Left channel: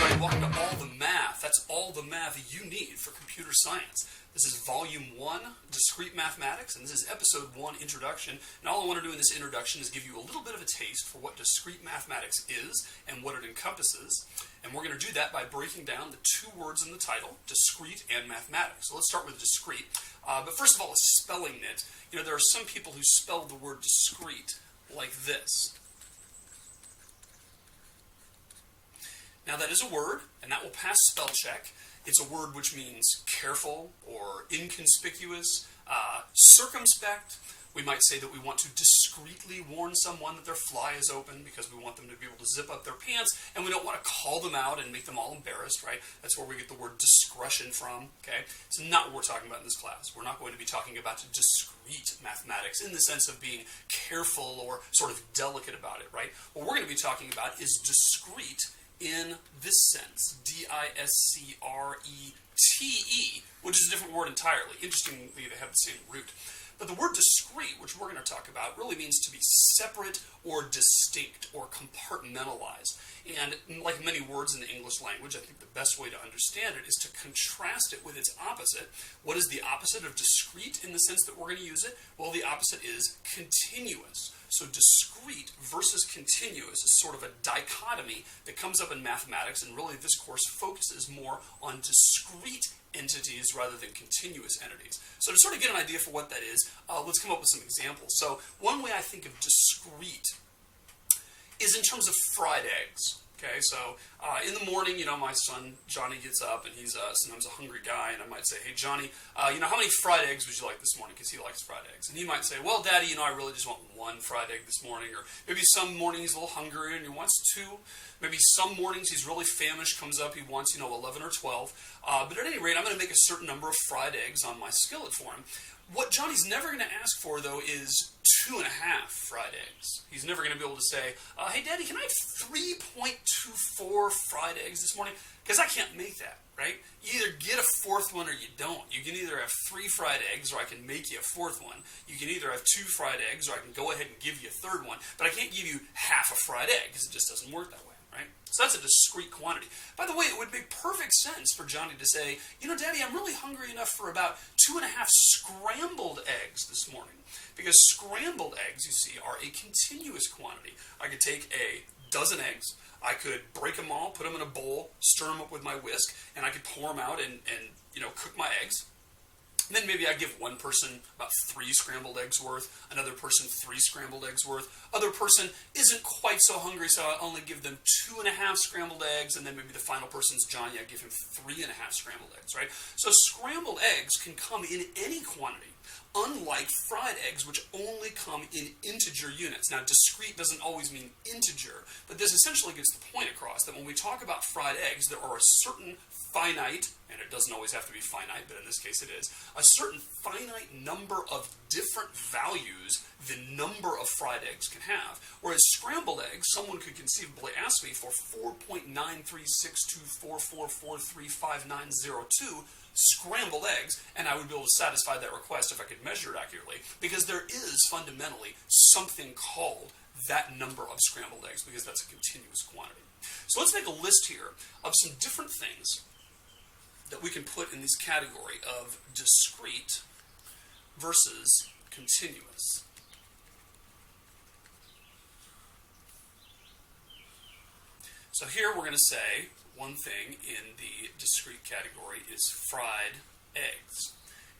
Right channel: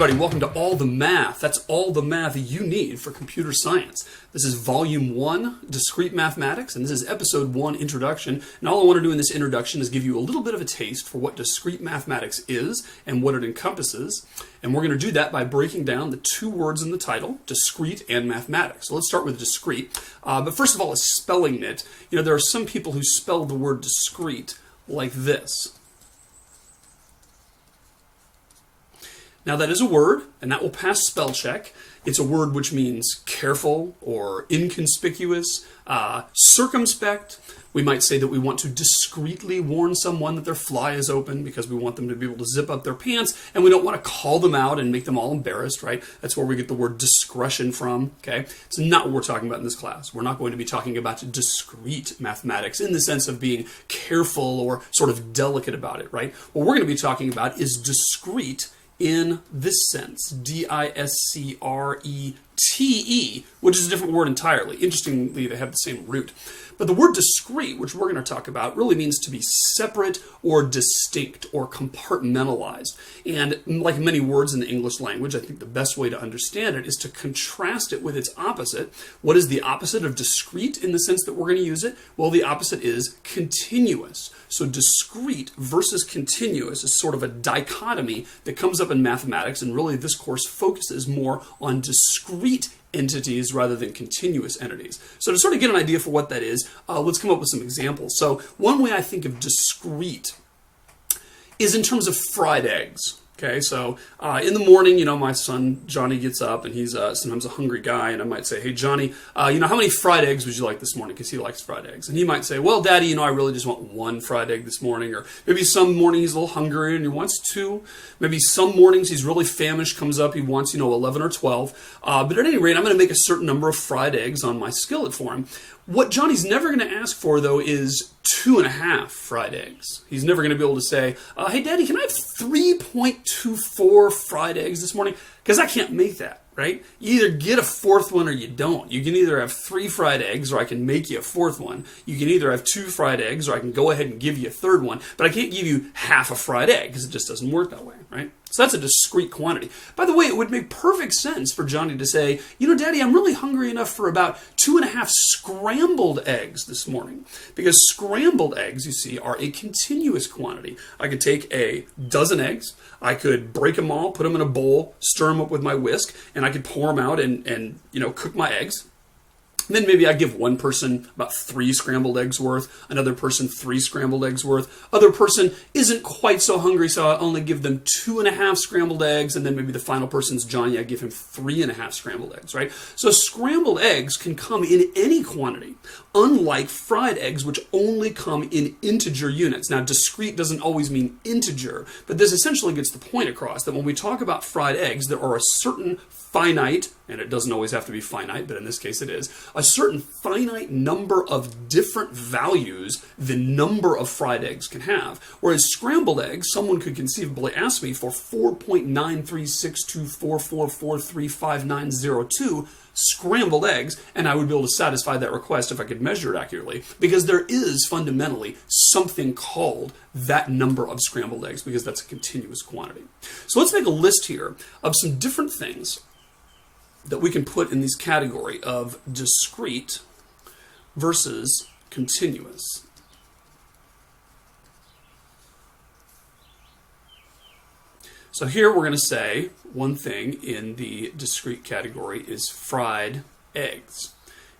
everybody, welcome to All the Math. That's all the math you need for computer science. This is Volume 1, Discrete Mathematics, and this is Episode 1, Introduction. And all I want to do in this introduction is give you a little bit of a taste for what discrete mathematics is and what it encompasses. And we're going to do that by breaking down the two words in the title, discrete and mathematics. So let's start with discrete. But first of all, a spelling nit. You know, there are some people who spell the word discrete like this. Now that is a word, and that will pass spell check. It's a word which means careful or inconspicuous, circumspect. We might say that we want to discreetly warn someone that their fly is open because we want them to be able to zip up their pants, and we don't want to call them out and make them all embarrassed, right? That's where we get the word discretion from, okay? It's not what we're talking about in this class. We're not going to be talking about discrete mathematics in the sense of being careful or sort of delicate about it, right? What we're going to be talking about is discrete in this sense, D-I-S-C-R-E-T-E, which is a different word entirely. Interestingly, they have the same root. But the word discrete, which we're going to talk about, really means to be separate or distinct or compartmentalized. And like many words in the English language, I think the best way to understand it is to contrast it with its opposite. What is the opposite of discrete in the sense that we're going to use it? Well, the opposite is continuous. So discrete versus continuous is sort of a dichotomy that comes up in mathematics, and really this course focuses more on discrete entities rather than continuous entities. So to sort of get an idea for what that is, let's come up with some examples. So one way I think of discrete is in terms of fried eggs. Okay, so in the morning, you know, my son Johnny gets up, and he's sometimes a hungry guy, and I might say, hey Johnny, you know, how many fried eggs would you like this morning? Because he likes fried eggs. And he might say, well, Daddy, you know, I really just want one fried egg this morning. Or maybe some morning he's a little hungry and he wants two. Maybe some mornings he's really famished, comes up, he wants, you know, 11 or 12. But at any rate, I'm going to make a certain number of fried eggs on my skillet for him. What Johnny's never going to ask for, though, is 2.5 fried eggs. He's never going to be able to say, hey, Daddy, can I have 3.24 fried eggs this morning? Because I can't make that, right? You either get a fourth one or you don't. You can either have 3 fried eggs or I can make you a fourth one. You can either have 2 fried eggs or I can go ahead and give you a third one. But I can't give you half a fried egg because it just doesn't work that way, right? So that's a discrete quantity. By the way, it would make perfect sense for Johnny to say, you know, Daddy, I'm really hungry enough for about 2.5 scrambled eggs this morning. Because scrambled eggs, you see, are a continuous quantity. I could take a dozen eggs, I could break them all, put them in a bowl, stir them up with my whisk, and I could pour them out and you know, cook my eggs. And then maybe I give one person about 3 scrambled eggs worth, another person 3 scrambled eggs worth. Other person isn't quite so hungry, so I only give them 2.5 scrambled eggs, and then maybe the final person's Johnny, I give him 3.5 scrambled eggs, right? So scrambled eggs can come in any quantity, unlike fried eggs, which only come in integer units. Now, discrete doesn't always mean integer, but this essentially gets the point across that when we talk about fried eggs, there are a certain finite, and it doesn't always have to be finite, but in this case it is, a certain finite number of different values the number of fried eggs can have. Whereas scrambled eggs, someone could conceivably ask me for 4.93624443590 scrambled eggs, and I would be able to satisfy that request if I could measure it accurately, because there is fundamentally something called that number of scrambled eggs, because that's a continuous quantity. So let's make a list here of some different things that we can put in this category of discrete versus continuous. So here we're going to say one thing in the discrete category is fried eggs.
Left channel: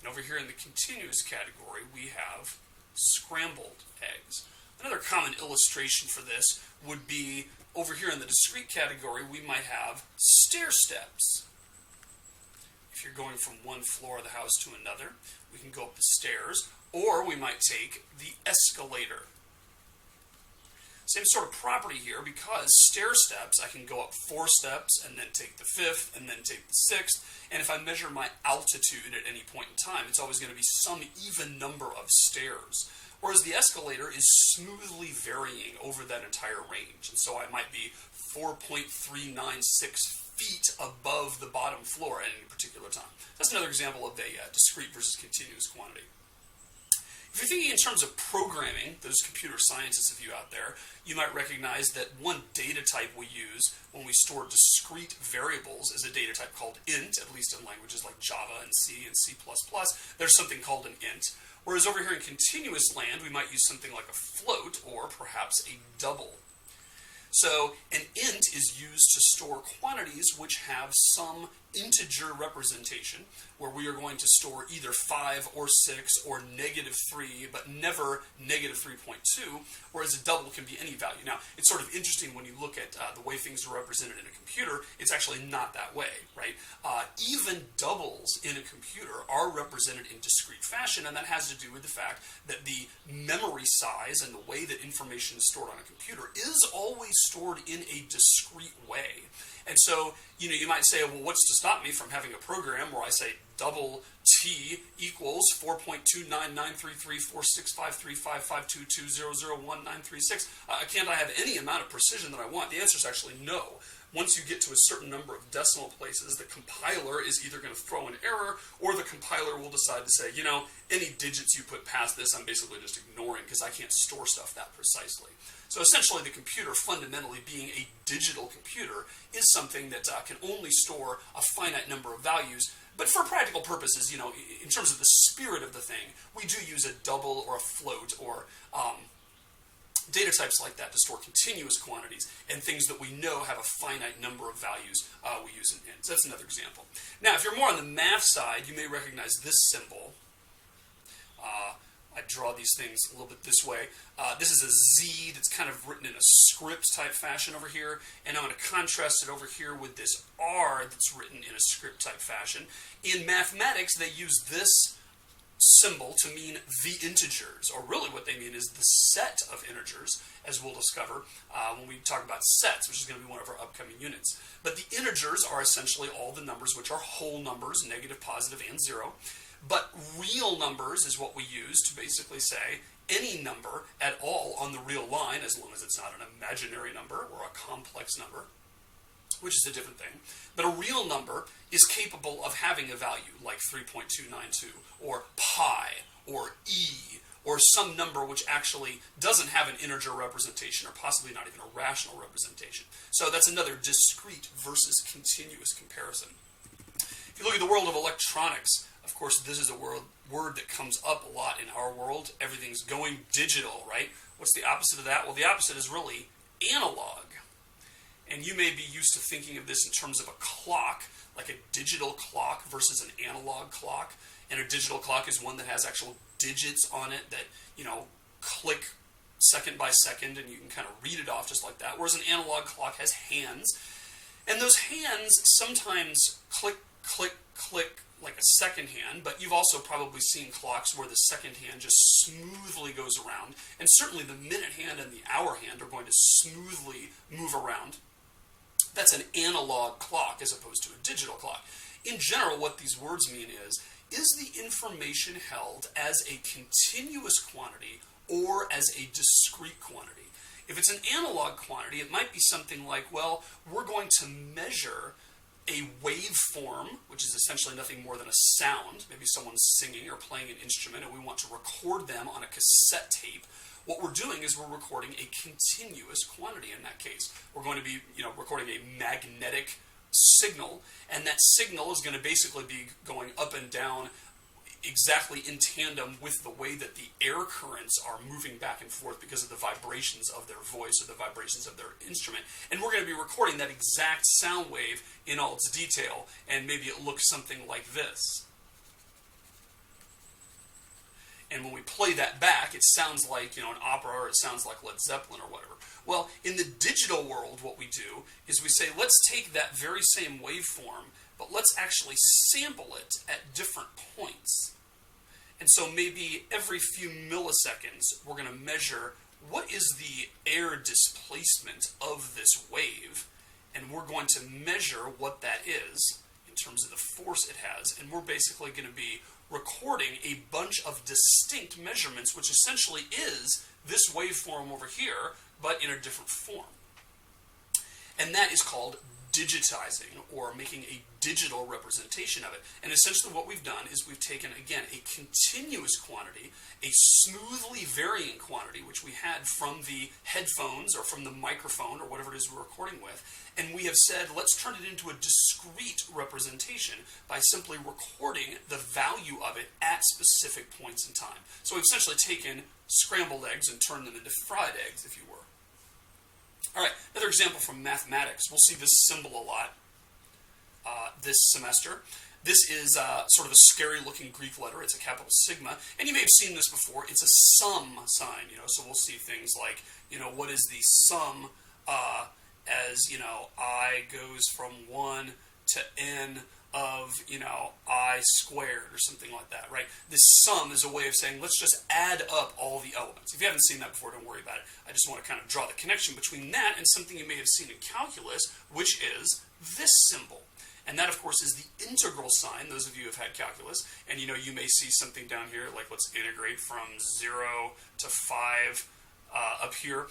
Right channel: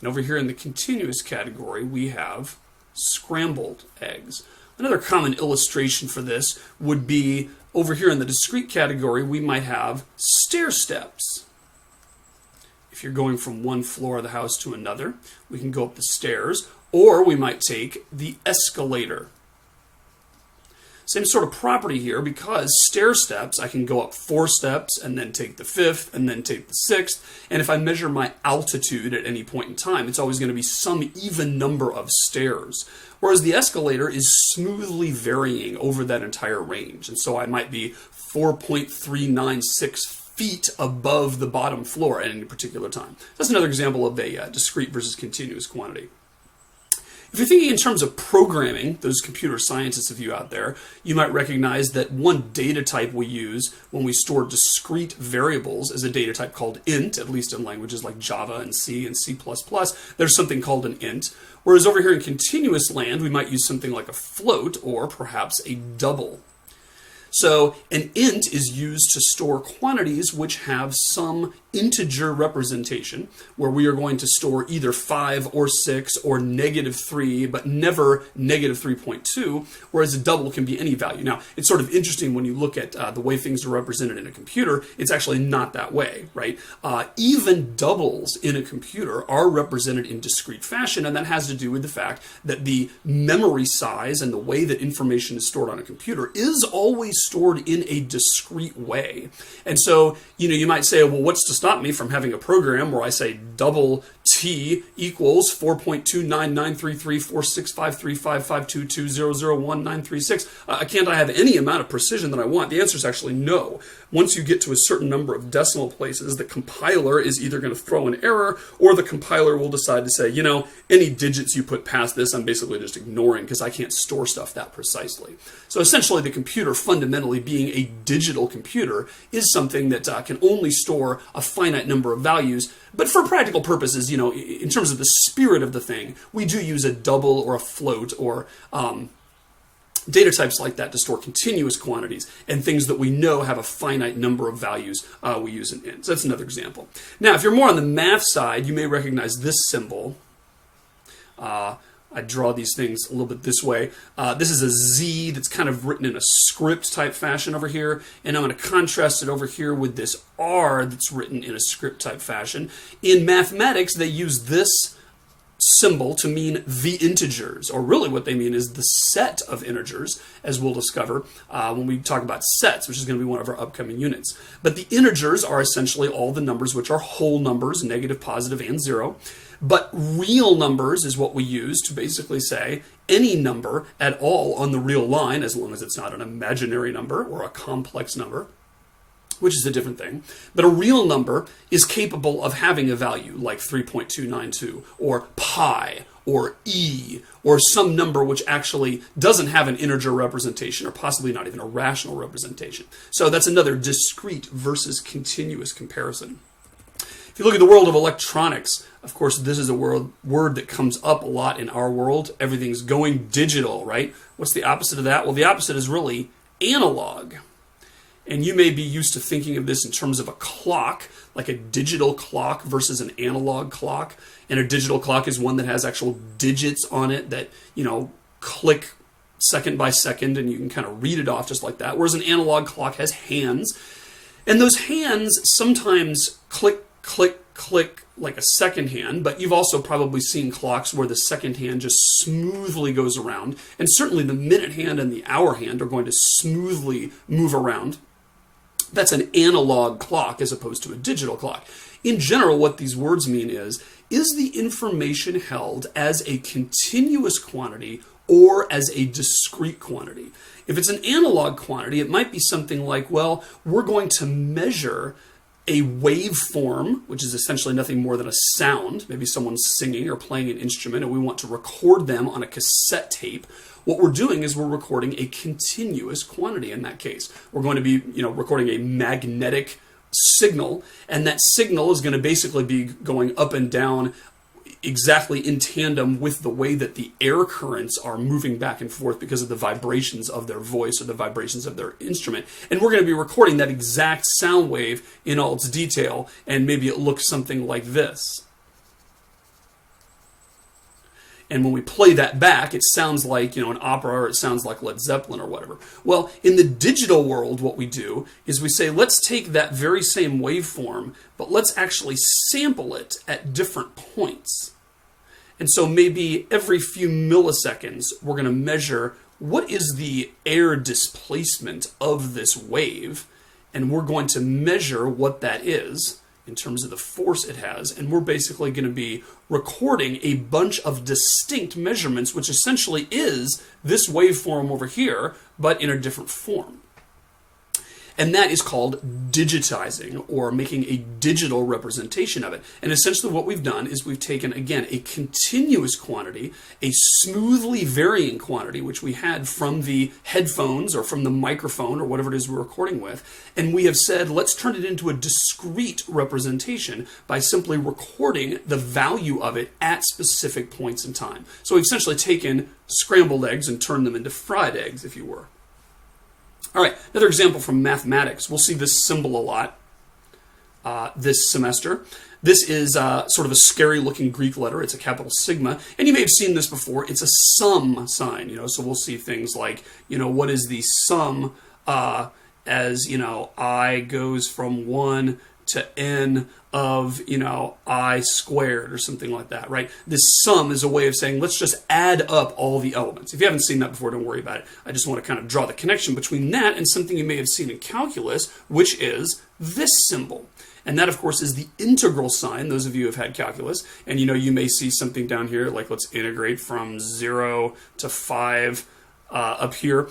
And over here in the continuous category, we have scrambled eggs. Another common illustration for this would be over here in the discrete category, we might have stair steps. If you're going from one floor of the house to another, we can go up the stairs, or we might take the escalator. Same sort of property here, because stair steps, I can go up 4 steps and then take the 5th and then take the 6th. And if I measure my altitude at any point in time, it's always going to be some even number of stairs. Whereas the escalator is smoothly varying over that entire range. And so I might be 4.396 feet above the bottom floor at any particular time. That's another example of a discrete versus continuous quantity. If you're thinking in terms of programming, those computer scientists of you out there, you might recognize that one data type we use when we store discrete variables is a data type called int, at least in languages like Java and C and C++. There's something called an int. Whereas over here in continuous land, we might use something like a float or perhaps a double. So an int is used to store quantities which have some integer representation, where we are going to store either 5 or 6 or -3, but never -3.2, whereas a double can be any value. Now, it's sort of interesting when you look at the way things are represented in a computer, it's actually not that way, right? Even doubles in a computer are represented in discrete fashion, and that has to do with the fact that the memory size and the way that information is stored on a computer is always stored in a discrete way. And so, you might say, well, what's to stop me from having a program where I say double T equals 4.2993346535522001936? Can't I have any amount of precision that I want? The answer is actually no. Once you get to a certain number of decimal places, the compiler is either going to throw an error, or the compiler will decide to say, any digits you put past this, I'm basically just ignoring because I can't store stuff that precisely. So essentially, the computer fundamentally being a digital computer is something that can only store a finite number of values. But for practical purposes, in terms of the spirit of the thing, we do use a double or a float or data types like that to store continuous quantities, and things that we know have a finite number of values we use in int. So that's another example. Now, if you're more on the math side, you may recognize this symbol. I draw these things a little bit this way. This is a Z that's kind of written in a script type fashion over here, and I'm going to contrast it over here with this R that's written in a script type fashion. In mathematics, they use this symbol to mean the integers, or really what they mean is the set of integers, as we'll discover when we talk about sets, which is going to be one of our upcoming units. But the integers are essentially all the numbers which are whole numbers, negative, positive, and 0. But real numbers is what we use to basically say any number at all on the real line, as long as it's not an imaginary number or a complex number, which is a different thing. But a real number is capable of having a value like 3.292 or pi or e or some number which actually doesn't have an integer representation or possibly not even a rational representation. So that's another discrete versus continuous comparison. If you look at the world of electronics, of course, this is a word that comes up a lot in our world. Everything's going digital, right? What's the opposite of that? Well, the opposite is really analog. And you may be used to thinking of this in terms of a clock, like a digital clock versus an analog clock. And a digital clock is one that has actual digits on it that, click second by second, and you can kind of read it off just like that. Whereas an analog clock has hands. And those hands sometimes click, click, click like a second hand, but you've also probably seen clocks where the second hand just smoothly goes around. And certainly the minute hand and the hour hand are going to smoothly move around. That's an analog clock as opposed to a digital clock. In general, what these words mean is the information held as a continuous quantity or as a discrete quantity? If it's an analog quantity, it might be something like, well, we're going to measure a waveform, which is essentially nothing more than a sound. Maybe someone's singing or playing an instrument, and we want to record them on a cassette tape. What we're doing is we're recording a continuous quantity in that case. We're going to be, recording a magnetic signal, and that signal is going to basically be going up and down exactly in tandem with the way that the air currents are moving back and forth because of the vibrations of their voice or the vibrations of their instrument. And we're going to be recording that exact sound wave in all its detail, and maybe it looks something like this. And when we play that back, it sounds like, an opera, or it sounds like Led Zeppelin or whatever. Well, in the digital world, what we do is we say, let's take that very same waveform, but let's actually sample it at different points. And so maybe every few milliseconds, we're going to measure what is the air displacement of this wave, and we're going to measure what that is in terms of the force it has, and we're basically going to be recording a bunch of distinct measurements, which essentially is this waveform over here, but in a different form. And that is called digitizing, or making a digital representation of it. And essentially what we've done is we've taken, again, a continuous quantity, a smoothly varying quantity, which we had from the headphones or from the microphone or whatever it is we're recording with, and we have said, let's turn it into a discrete representation by simply recording the value of it at specific points in time. So we've essentially taken scrambled eggs and turned them into fried eggs, if you were. All right, another example from mathematics. We'll see this symbol a lot this semester. This is sort of a scary-looking Greek letter. It's a capital sigma, and you may have seen this before. It's a sum sign, so we'll see things like, what is the sum as, I goes from 1 to n of, I squared or something like that, right? This sum is a way of saying, let's just add up all the elements. If you haven't seen that before, don't worry about it. I just want to kind of draw the connection between that and something you may have seen in calculus, which is this symbol. And that, of course, is the integral sign, those of you who have had calculus. And, you may see something down here, like let's integrate from 0 to 5 up here.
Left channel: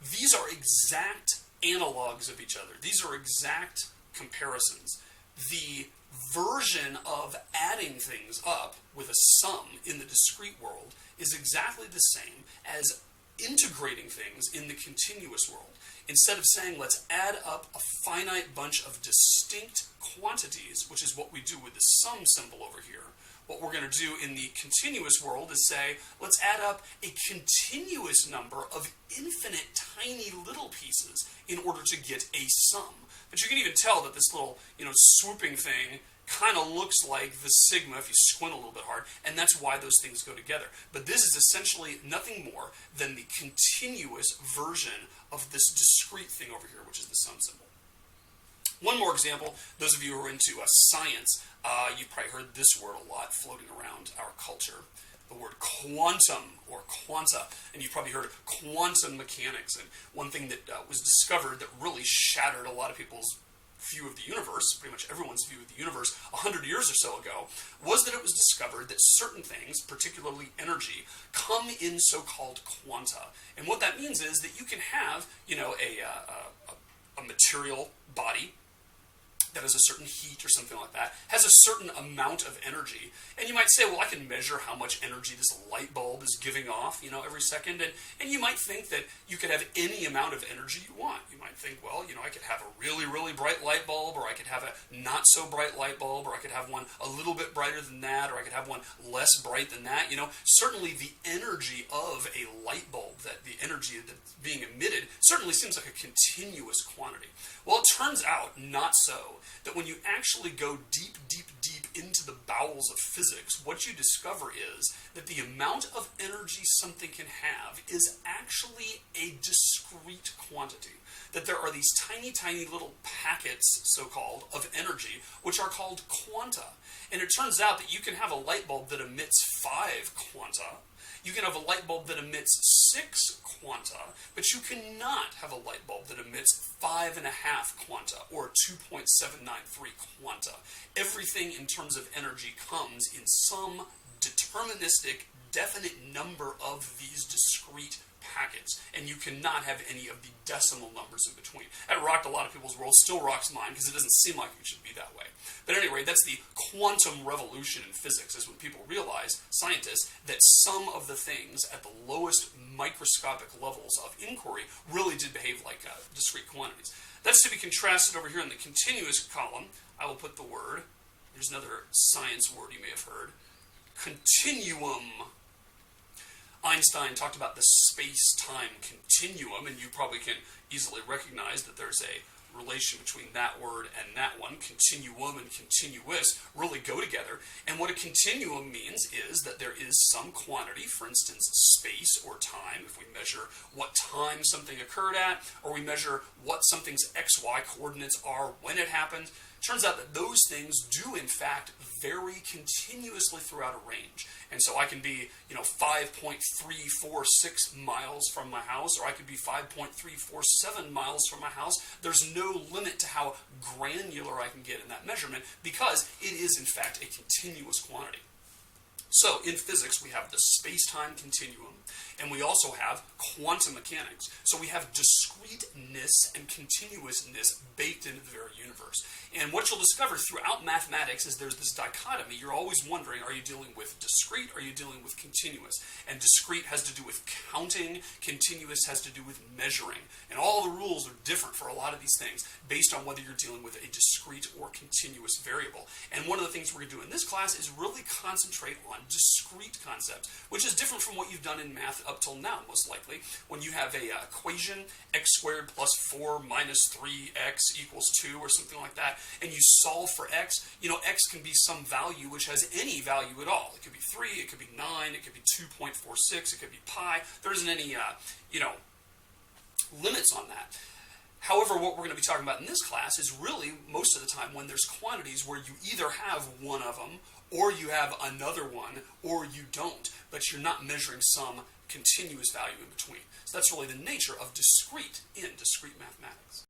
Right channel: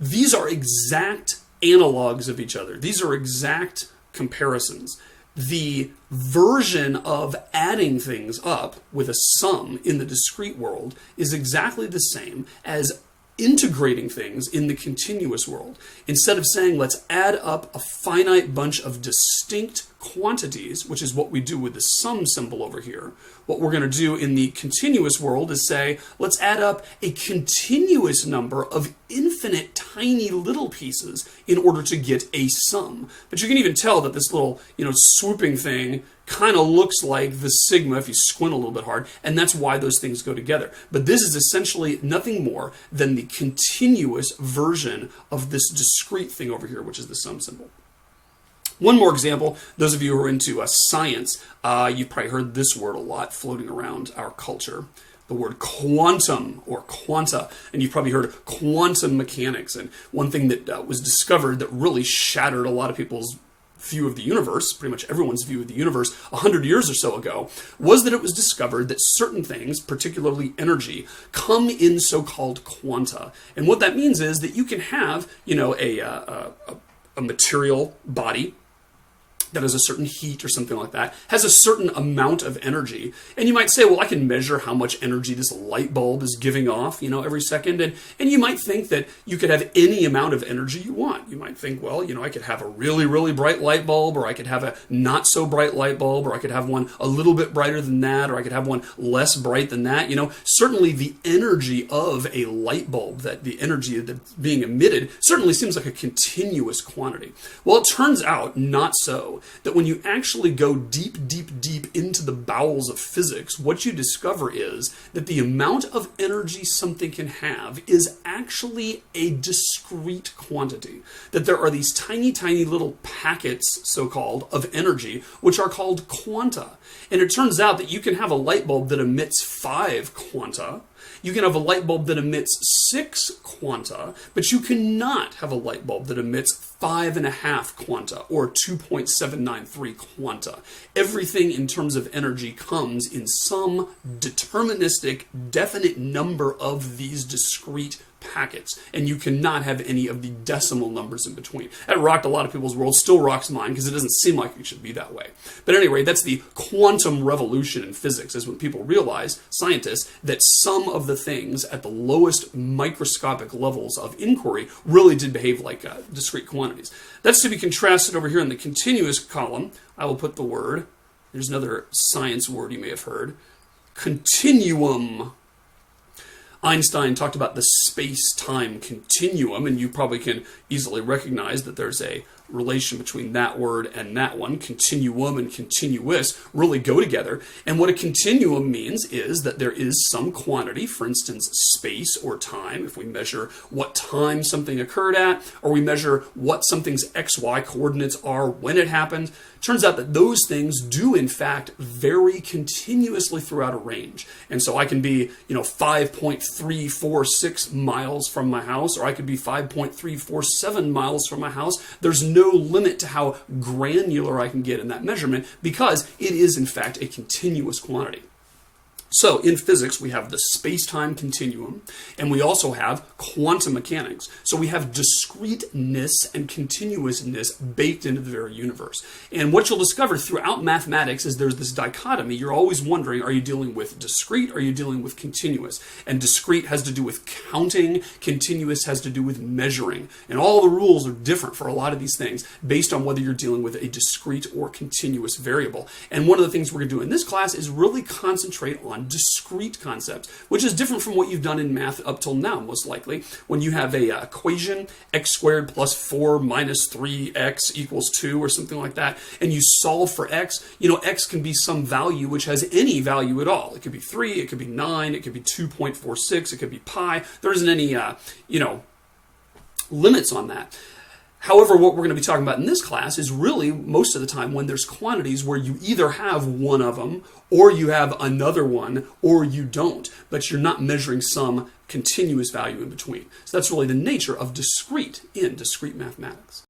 These are exact analogs of each other. These are exact comparisons. The version of adding things up with a sum in the discrete world is exactly the same as integrating things in the continuous world. Instead of saying, let's add up a finite bunch of distinct quantities, which is what we do with the sum symbol over here, what we're going to do in the continuous world is say, let's add up a continuous number of infinite tiny little pieces in order to get a sum. But you can even tell that this little, swooping thing kind of looks like the sigma if you squint a little bit hard, and that's why those things go together. But this is essentially nothing more than the continuous version of this discrete thing over here, which is the sum symbol. One more example, those of you who are into science, you've probably heard this word a lot floating around our culture, the word quantum or quanta, and you've probably heard of quantum mechanics. And one thing that was discovered that really shattered a lot of people's view of the universe, pretty much everyone's view of the universe 100 years or so ago, was that it was discovered that certain things, particularly energy, come in so-called quanta. And what that means is that you can have, a material body that has a certain heat or something like that, has a certain amount of energy. And you might say, well, I can measure how much energy this light bulb is giving off, every second. And you might think that you could have any amount of energy you want. You might think, well, I could have a really, really bright light bulb, or I could have a not so bright light bulb, or I could have one a little bit brighter than that, or I could have one less bright than that. Certainly the energy of a light bulb, that the energy that's being emitted, certainly seems like a continuous quantity. Well, it turns out not so. That when you actually go deep, deep, deep into the bowels of physics, what you discover is that the amount of energy something can have is actually a discrete quantity. That there are these tiny, tiny little packets, so-called, of energy, which are called quanta. And it turns out that you can have a light bulb that emits 5 quanta. You can have a light bulb that emits 6 quanta, but you cannot have a light bulb that emits 5.5 quanta or 2.793 quanta. Everything in terms of energy comes in some deterministic, definite number of these discrete packets, and you cannot have any of the decimal numbers in between. That rocked a lot of people's world, still rocks mine, because it doesn't seem like it should be that way. But anyway, that's the quantum revolution in physics, is when people realize, scientists, that some of the things at the lowest microscopic levels of inquiry really did behave like discrete quantities. That's to be contrasted over here in the continuous column. I will put the word, there's another science word you may have heard, continuum. Einstein talked about the space-time continuum, and you probably can easily recognize that there's a relation between that word and that one. Continuum and continuous really go together. And what a continuum means is that there is some quantity, for instance, space or time, if we measure what time something occurred at, or we measure what something's XY coordinates are when it happened. Turns out that those things do, in fact, vary continuously throughout a range. And so I can be, 5.346 miles from my house, or I could be 5.347 miles from my house. There's no limit to how granular I can get in that measurement, because it is, in fact, a continuous quantity. So in physics, we have the space-time continuum, and we also have quantum mechanics. So we have discreteness and continuousness baked into the very universe. And what you'll discover throughout mathematics is there's this dichotomy. You're always wondering, are you dealing with discrete or are you dealing with continuous? And discrete has to do with counting, continuous has to do with measuring. And all the rules are different for a lot of these things based on whether you're dealing with a discrete or continuous variable. And one of the things we're going to do in this class is really concentrate on discrete concepts, which is different from what you've done in math up till now, most likely. When you have a equation, x squared plus 4 minus 3x equals 2 or something like that, and you solve for x, x can be some value which has any value at all. It could be 3, it could be 9, it could be 2.46, it could be pi. There isn't any, limits on that. However, what we're going to be talking about in this class is really most of the time when there's quantities where you either have one of them or you have another one or you don't, but you're not measuring some continuous value in between. So that's really the nature of discrete in discrete mathematics.